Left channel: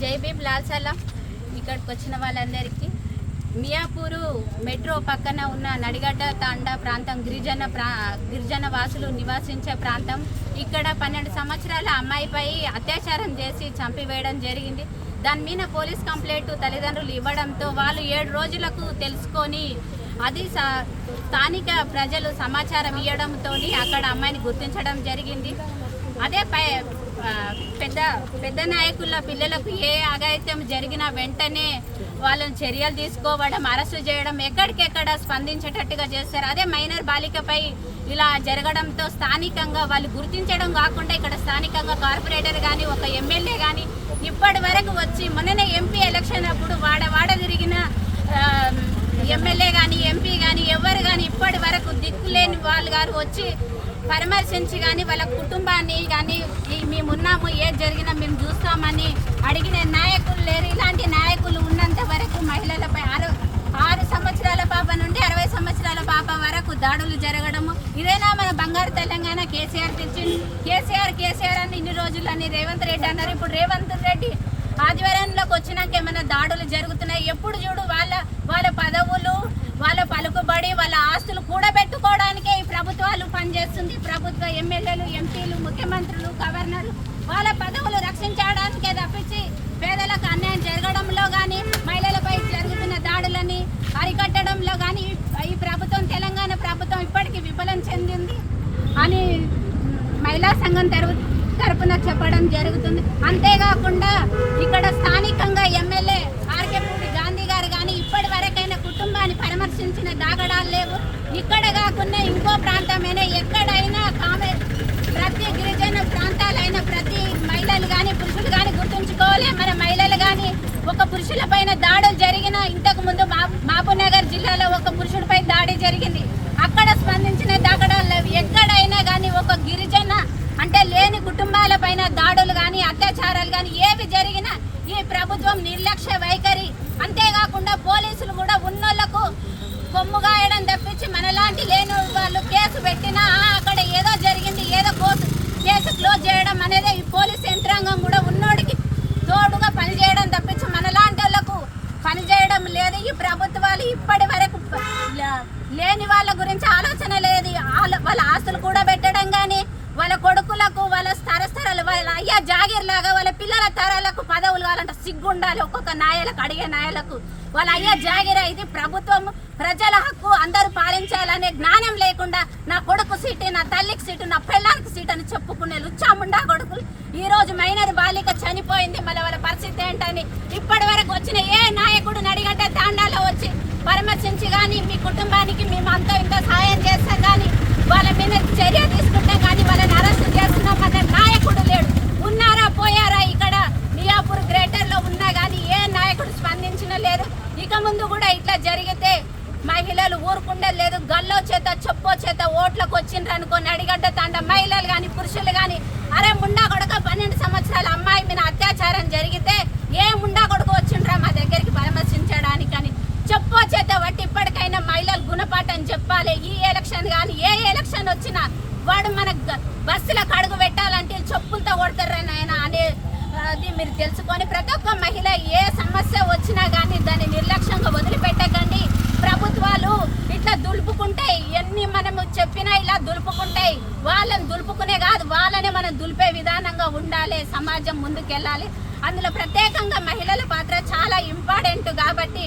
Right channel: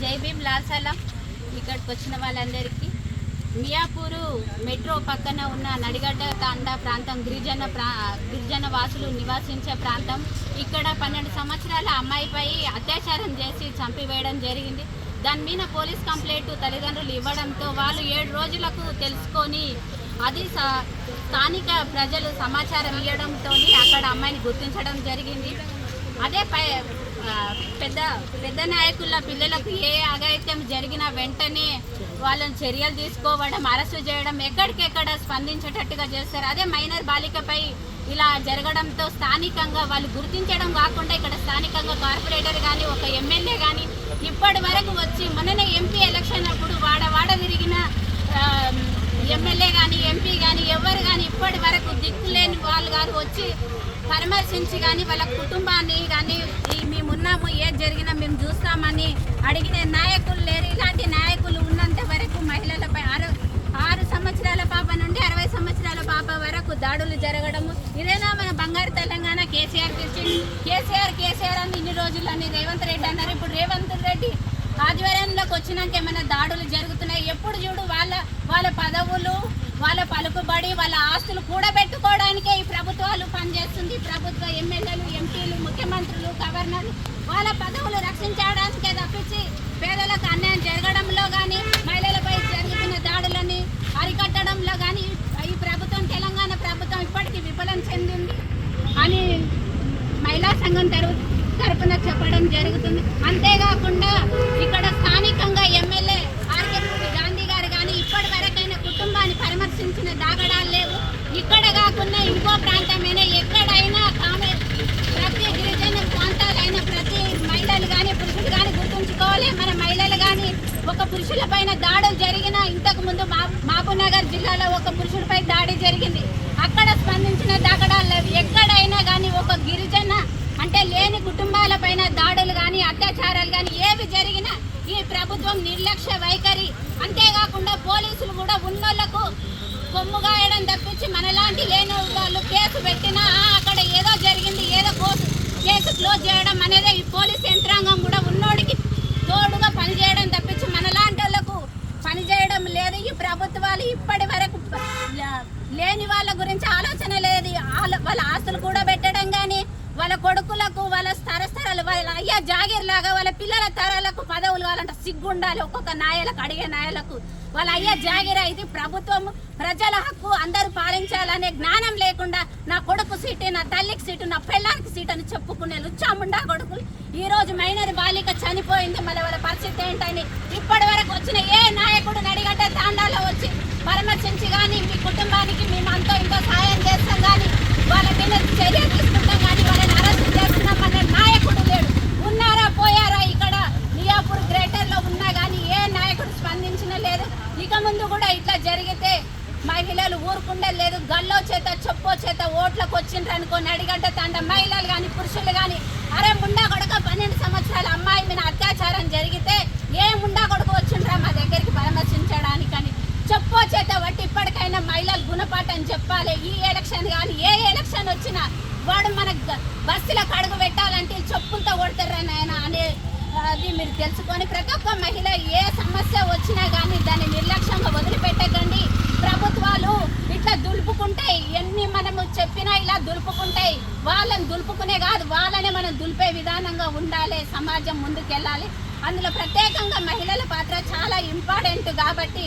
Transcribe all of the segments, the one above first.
జై భీమ్ లాల్సలం. ఇక్కడికి వచ్చిన వాళ్ళందరికీ మియాపూరు మెట్రో పక్కన ఉన్న నడిగడ్డ తాండా ప్రాంతం గిరిజన ప్రా గిరిజన వాసులు నివాసించే ప్రాంతం. ఇక్కడ పన్నెండు సంవత్సరాల అమ్మాయిపై అత్యాచారం చేసి చంపివేయడం జరిగింది. దాని మీద పోలీస్ కంప్లైంట్ తల్లిదండ్రులు ఇవ్వడంతో వాళ్ళు ఏడు రోజులకు తెలుసుకొని అది స్థానిక ప్రజలు సమాచారం ఇవ్వడంతో అక్కడ అమ్మాయిని గుర్తించడం జరిగింది. అదే పై పెద్ద పెద్ద నాయకుల పిల్లలకు ఏ అఘాయిత్యం జరిగినా వెంటనే వాళ్ళని చర్యలు తీసుకోవడం అరెస్టు చేయడం ఎక్కడికెక్కడ స్పందించేటట్టుగా చేస్తారు. అదే మైనర్ బాలికపై ఇలా జరగడంతో స్థానికంగా వాళ్ళు గుర్తించడం కాకుండా ఇక్కడ స్థానికంగా కార్పొరేటర్ కానీ ఒక ఎమ్మెల్యే కానీ ఇప్పటి వరకు వచ్చి మొన్ననే ఎంపీ ఎలక్షన్ అప్పుడు వాడ వాడ ఎమ్మెల్యే కానీ ఎంపీ కానీ ఎవరు కానీ ఇప్పటి వరకు దిక్కులేని వాళ్ళు కానీ వచ్చి పరామర్శించి కానీ వాళ్ళ కుటుంబాన్ని కానీ మేమున్నాము ఏది జరిగినా మేము చూస్తామని అడిగిన నాయకులు లేరు. ఇలాంటి నాయకులు ఉన్నంత వరకు మహిళలపై ఆరు ఆరు సంవత్సరాల పాప నుండి అరవై సంవత్సరాల పాప వరకు దాడులు జరగడము. ఇదేనా మన బంగారు తెలంగాణ కేసీఆర్ తెచ్చింది. కేసీఆర్ కేసీఆర్ అని ఇన్ని రోజులు అని రేవంత్ రెడ్డి అన్నారు. ఇప్పుడు రేవంత్ రెడ్డి ఆదివారంలోకి వచ్చినాక ఏమైనా దాడులు జరుగుతున్నాయి ఎప్పుడు చూడు వాళ్ళ వాళ్ళ పదవులు వాళ్ళ పలుకుబడి వాళ్ళ ఆస్తులు కూడబెట్టుకోవడానికే ఈ ప్రభుత్వాలు పనిచేస్తుంది. ప్రభుత్వ ఎమ్మెల్యేలు ఎంపీలు ముఖ్యమంత్రులు గవర్నర్లు వాళ్ళ పదవులు రక్షించడానికే తప్పించి పేదలకు అన్యాయం జరగడంలో కానీ మహిళలపై జరుగుతున్న దాడులని అరికట్టడంలో కానీ ఈ ప్రభుత్వం తెలంగాణ ప్రభుత్వం ఇప్పటికీ విఫలం చెందింది అని మహిళా సంఘం తరపు తరపున చెప్పడం జరుగుతుంది. అంతేకాకుండా ఇక్కడ స్థానికంగా ఎమ్మెల్యే ఆర్కేపూడి గాంధీ గారు కానీ ఇప్పటి వరకైనా కుటుంబాన్ని పరామర్శించిన దాగడాలు లేవు. ఇక్కడ కాకుండా ఇంకో ప్రాంతమైనా ఎక్కడైనా కామె ప్రతి గిరిజన ప్రాంతాలైన ప్రతి మహిళలు కానీ పురుషులు కానీ గుర్తుంచుకోవాలి. మన మహిళలు కానీ ఒక పురుషుల పైన దాడులు జరిగిన ఇంతకు ముందు మహబూబ్ జిల్లాలో ఒక పురుషుడిపై దాడి జరిగింది. అక్కడ స్పందించిన దాగడాలు లేవు. ఎక్కడైనా కానీ ఒక గిరిజన అంటే లేని కుటుంబాల పైన దాడులు కానీ అత్యాచారాలు కానీ ఏవి జరిగినా ఈ ప్రభుత్వం నిర్లక్ష్య వైఖరి. అంతేకాకుండా పోలీసులు కూడా ఉన్నోళ్ళకు కొమ్ము గాయడం తప్పించి మనలాంటి లేని వాళ్ళు కేసు పెట్టినా అక్కడ ఏదో జరిగింది ఏదో కోసు కేసు క్లోజ్ చేయడం అనేది ఈ పోలీస్ యంత్రాంగం కూడా ఉన్నోడికి తోడుగా పనిచేయడం తప్పించి మనలాంటి వాళ్ళకు పనిచేయడం లేదు. ఈ ప్రభుత్వాలు ఇప్పటి వరకు లేని వాళ్ళ గురించి ఆలోచన లేదు. వాళ్ళ ఆస్తులు కూడా పెట్టడం కానీ వాళ్ళ కొడుకులకు వాళ్ళ అయ్యా జాగీర్ లాగా వాళ్ళ పిల్లల తరాలకు పదవులు కావాలంటే సిగ్గుండాలి. ఒక్కొక్క నాయలకు అడిగే నాయలకు. వాళ్ళ అయ్యా జాగీర్ ఇది ప్రభుత్వం ప్రజల హక్కు అందరూ పాలించాలనే జ్ఞానం లేకుండా నా కొడుకు సీటు నా తల్లికి సీటు నా పెళ్ళానికి సీటు అని చెప్పుకునే లుచ్చాముండా కొడుకులు. ఈ రోజు మైనర్ బాలిక చనిపోయింది. మళ్ళీ వాళ్ళ పరిస్థితి ఏంటని ఇప్పటి వరకు వచ్చిన ఏ నాయకుడు నడిగడ్డ తాండాలో వచ్చి పరామర్శించి కానీ మీ కుటుంబానికి మేము అంతో ఇంతో సాయం చేస్తాం కానీ వాళ్ళ మీద చర్య తీసుకుంటాం కానీ వాళ్ళని అరెస్ట్ చేస్తున్నామనే నాయకుడు లేడు ఉన్నారా పోయారా ఇక్కడ మియాపూర్ గ్రేటర్లో ఉన్నా కానీ ఏ నాయకుడు స్పందించిన లేదు ఇక ముందు కూడా ఇట్లా జరిగితే మహిళలు ఊరుకుండే లేదు గల్లో చేత చెప్పో చేత ఓట్లకు వచ్చిండ్రు అనుకోని అడిగంటే తండ మహిళలు కానీ పురుషులు కానీ అరే ముండా కొడుక పన్నెండు సంవత్సరాల అమ్మాయి మీద అత్యాచారం జరిగితే ఏ ముండా కొడుకు వచ్చిండ్రా మా దగ్గరికి పరామర్శించడానికి అని చెప్పో చేత బట్టి ఇప్పటికైనా మహిళలు గుణపాఠం చెప్పాలి. ఈ ఎలక్షన్ కానీ ఏ ఎలక్షన్ వచ్చినా వాడు మన బస్సులకు అడుగు పెట్టాలంటే చెప్పులతో కొడతారు ఆయన అనే అది మీరు తెలుసుకొని ప్రతి ఒక్క మహిళ ఏ సమస్య వచ్చినా కానీ దాన్ని నిర్లక్ష్యంగా వదిలి దులుపుకుంటే దులుపుకుంటాయి ఎన్ని మనము చెప్పినా ఇలా దులుపుకుంటాయి వాళ్ళని దులుపుకునే కాదు వాళ్ళని మనం దులిపే విధానంగా ఉండాలి సమాజం ముందుకెళ్ళాలి. అందులో ప్రత్యేకంగా మహిళల పాత్ర చాలా ఇంపార్టెంట్ కాబట్టి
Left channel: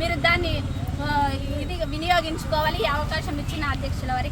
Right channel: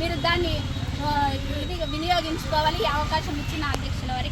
మీరు దాన్ని ఇది వినియోగించుకోవాలి. ఈ అవకాశం ఇచ్చిన అధ్యక్షుల వారికి